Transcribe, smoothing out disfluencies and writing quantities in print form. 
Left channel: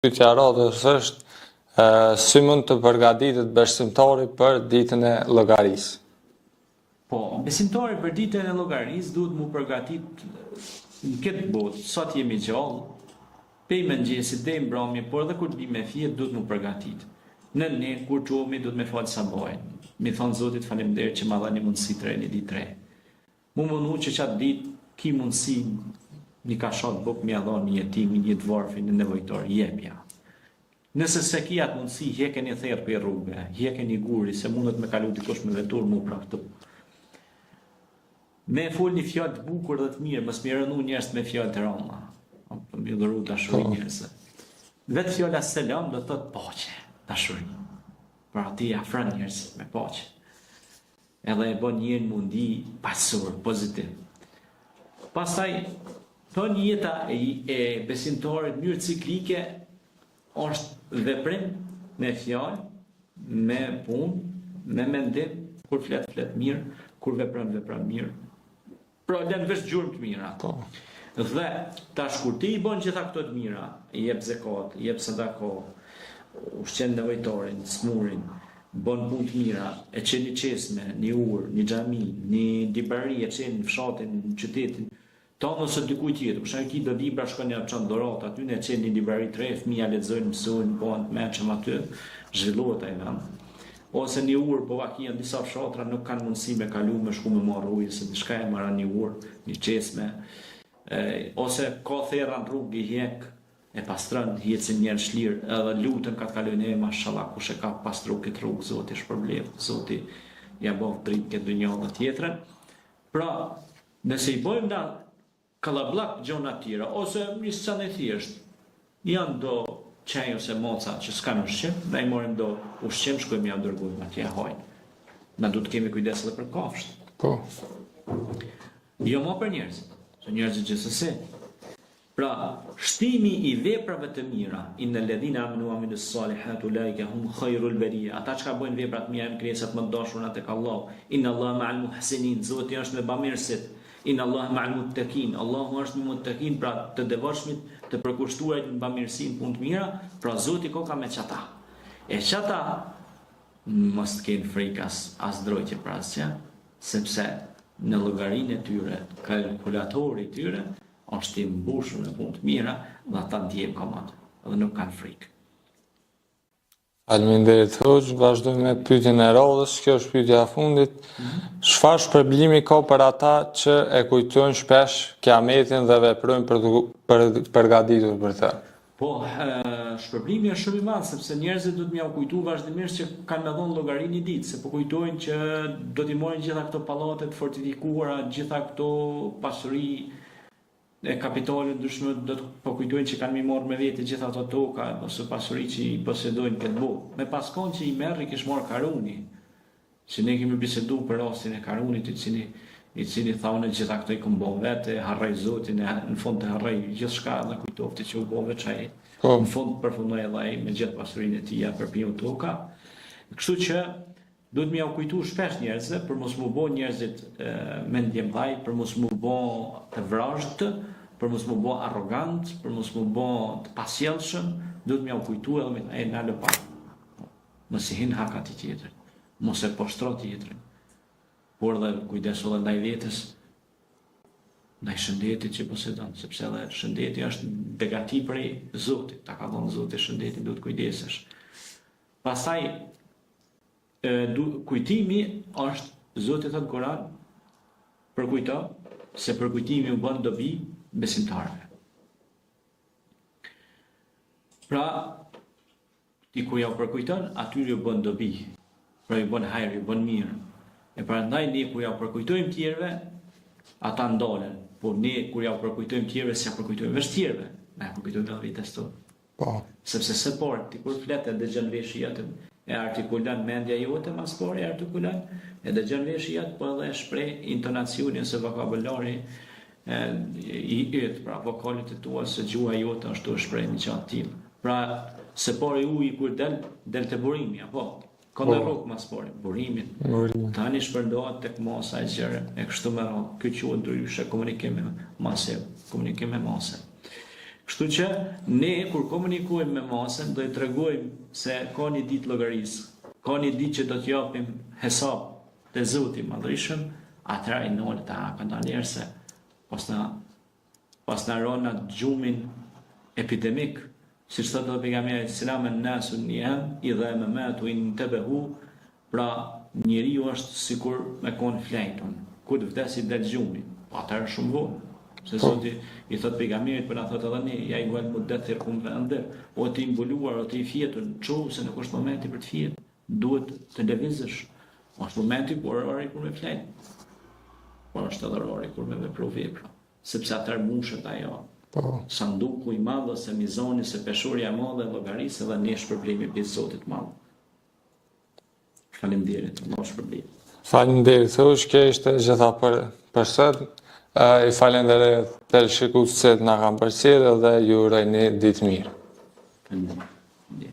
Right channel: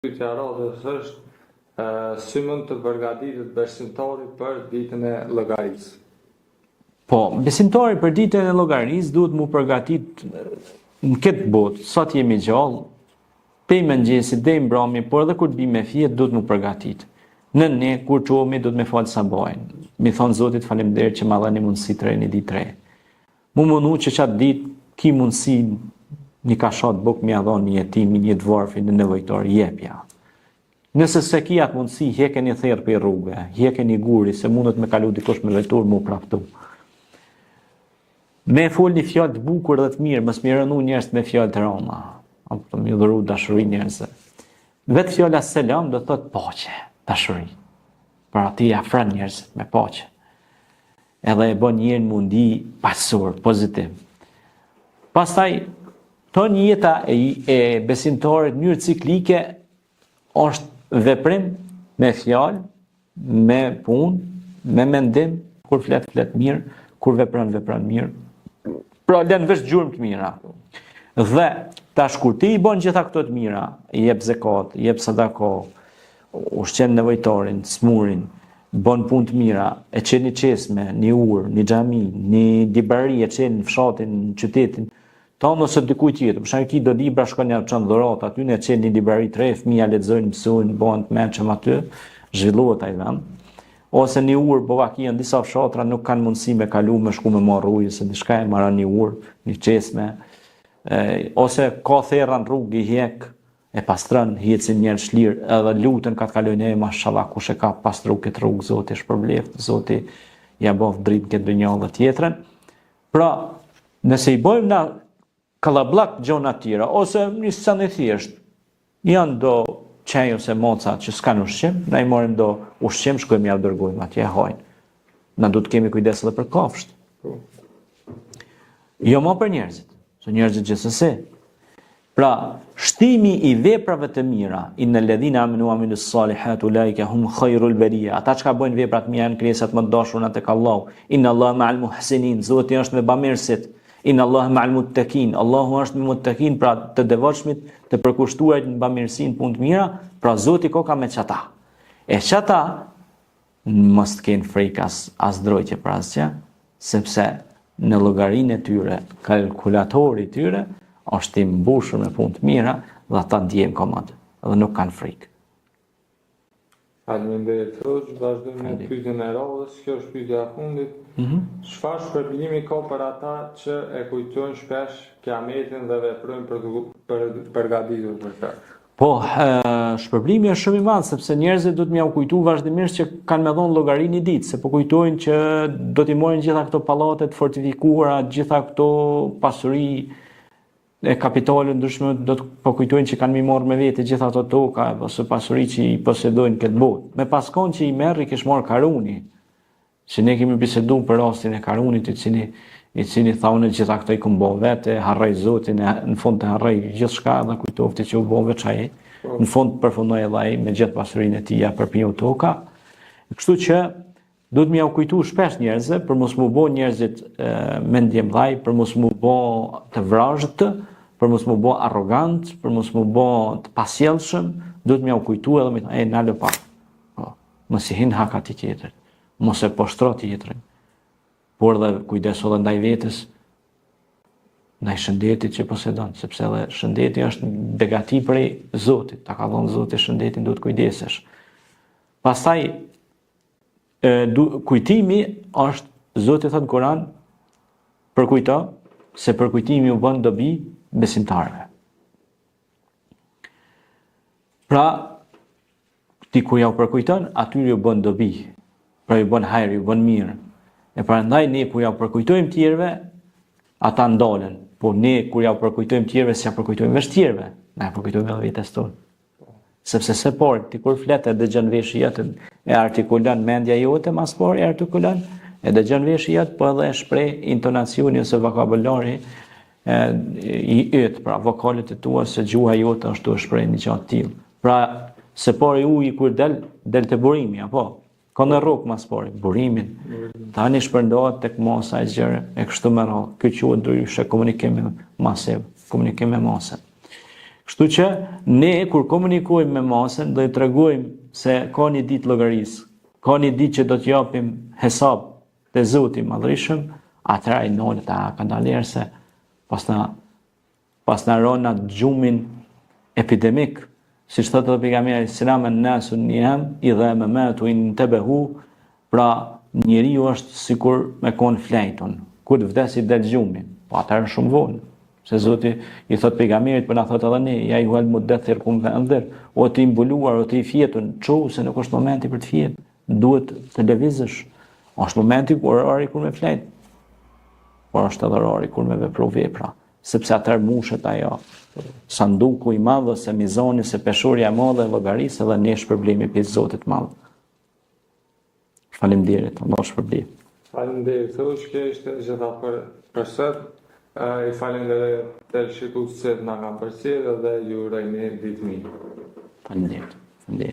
Pyetja radhës është si mund të përgatitet besimtari për ditën e llogarisë? Po, besimtari për ditën e llogarisë duhet mu përgatit në këtë botë, sa të jemi gjallë, pej mëngjesit deri mbrëmje, por edhe kur të bim me fjet duhet mu përgatit. Ne kur çohemi duhet me fal sabajin. Mi thon Zotit faleminderit që ma dhani mundësi të reni ditë re. Mu mundu që qatë ditë ki mundësi një kashat buk mi adhon një jetimi, një dvarfi, një nevojtar, jepja. Nëse se ki atë mundësi, hjeke një therë për rrugë, hjeke një guri, se mundet me kalu dikush me lejtur, mu praftu. Me fol një fjallë të bukur dhe të mirë, mës mi rënu njerës me fjallë të rama. Për mi dhuru dashuri njerëse. Vetë fjalla selam do të thotë paqe, dashuri. Për ati afran njerëz me paqe. Edhe e bon njërën mundi pasur, pozitiv. Pastaj, tonë jeta e besimtarit në njërë ciklike është veprim me fjalë, me punë, me mendim, kur flet mirë, kur vepron mirë. Pra lën vesh gjurmë të mira. Dhe tash kur ti i bën gjitha këto të mira, i jep zakat, i jep sadaka, ushqen nevojtarin, smurin, bën punë të mira, e çel një çesme, një urë, një xhami, një libari, e çel në fshatin, në qytetin. Tonë ose dikujt tjetër, për shembull ki do libra shkon ja çon dhuratë aty në çel një libari të re, fëmia lexojnë, mësojnë, bëhen të mëshëm aty, zhvillohet ai vend. Ose një urë, bovaki në disa fshatra nuk kanë mundësi me kalu me shku me marr ujë, se diçka e marrën një urë, një çesme. Ose ka therra në rrugë i hjek, e pastron, hiqin njerëz lirë, edhe lutën ka të kalojnë mashallah kush e ka pastru këtë rrugë, Zoti është përbleft, Zoti ja bof dritë këtë dynjë dhe tjetrën. Pra, nëse i bëjmë na kallabllak gjona të tjera, ose një scan e thjesht, janë do qej ose moca që s'kan ushqim, na i marrim do ushqim, shkojmë ja dërgojmë atje hajnë. Na duhet të kemi kujdes edhe për kafshët. Po. Jo më për njerëzit, se njerëzit gjithsesi. Pra, shtimi i veprave të mira, innal ladhina amanu wa amilus salihati ulaika hum khairul bariya. Ata që bëjnë vepra të mira janë krijesat më të dashura tek Allahu. Inna Allaha ma'al muhsinin. Zoti është me bamirësit. Inna Allaha ma'al muttaqin. Allahu është me muttaqin, pra të devotshmit, të përkushtuarit në bamirësinë, punë të mira, pra Zoti ka me çata. E çata mos të kenë frikë as drojtje për asgjë, sepse në llogarinë e tyre, kalkulatori i tyre është i mbushur me punë të mira dhe ata ndjejnë komand dhe nuk kanë frikë. Faleminderit Hoxh, vazhdojmë me pyetjen e radhës, kjo është pyetja e fundit. Çfarë shpërblimi ka për ata që e kujtojnë shpesh kiametin dhe veprojnë për të përgatitur për të? Po, shpërblimi është shumë i madh sepse njerëzit do të m'ia kujtu vazhdimisht që kanë me dhënë llogarinë një ditë, se po kujtojnë që do t'i marrin gjitha këto pallate të fortifikuara, gjitha këto pasuri e kapitalin ndryshme, do të po kujtojnë që kanë mi marrë me vete gjitha ato toka ose pasuri që i posedojnë këtë botë. Me paskon që i merr i kish marrë Karuni, që ne kemi biseduar për rastin e Karunit, i cili thonë gjitha këto i kumbo vete, harroi Zotin, në fund të harroi gjithçka dhe kujtofti që u bë veç ai. Në fund përfundoi edhe ai me gjithë pasurinë e tij për piu toka. Kështu që duhet m'ia kujtu shpesh njerëzve për mos mu bë njerëzit mendje mdhaj, për mos mu bë të vrazhët, për mos mu bë arrogant, për mos mu bë të pasjellshëm, duhet m'ia kujtu edhe me thonë, nalo pa. Mos i hin hak atij tjetër, mos e poshtro tjetrin. Por dhe kujdeso edhe ndaj vetes, ndaj shëndetit që posedon, sepse edhe shëndeti është begati prej Zotit, ta ka dhënë Zoti shëndetin, duhet kujdesesh. Pastaj kujtimi është, Zoti thot në Kur'an, përkujto se përkujtimi u bën dobi besimtarëve. Pra, ti kur ja u përkujton, atyre u bën dobi, pra ju bën hajër, ju bën mirë. E prandaj ne kur ja u përkujtojmë tjerëve, ata ndalen, por ne kur ja u përkujtojmë tjerëve, si ja përkujtojmë vesh tjerëve, na e përkujtojmë edhe vetes tonë. Po. Sepse se por, ti kur flet e dëgjon veshi jetën, e artikulon mendja jote, mas por e artikulon, e dëgjon veshi jetë, po edhe e shpreh intonacioni ose vokabulari i yt, pra vokalet e tua, se gjuha jote është të shpreh një gjatë tillë. Pra, se por i uji kur del te burimi, apo? Ka në rrugë mas pori, burimin. Tani shpërndohet tek masa e gjëre, e kështu me radhë. Ky quhet ndryshe komunikim me masë, komunikim me masë. Kështu Kështu që ne kur komunikojmë me masën do i tregojmë se ka një ditë llogarisë, ka një ditë që do të japim hesab te Zoti i Madhërisëm, atëra i nolet a kandaler se pas na rona gjumin epidemik, si që thotë pejgamberi selam an-nasu niyam idha mamatu intabahu, pra njeriu është sikur me kon flejton, kur të vdesi del gjumi, po atëherë shumë vonë. Se Zoti i thot pejgamberit, po na thot edhe ne, ja juhal mudaththir kum fa anzir, o ti mbuluar, o ti fjetun, çu se nuk është momenti për të fjet, duhet të lëvizësh. Është momenti kur orari kur me flet. Por është edhe orari kur me vepru vepra, sepse atëherë mushet ajo. Sanduku i madh ose mizoni se peshorja e madhe e llogarisë dhe ne shpërblimi për Zotit madh. Faleminderit, Allah shpërblim. Faleminderit, kjo ishte gjitha për sot. I falenderoj të shikuesit që na kanë përcjellë dhe ju uroj një ditë mirë. Faleminderit.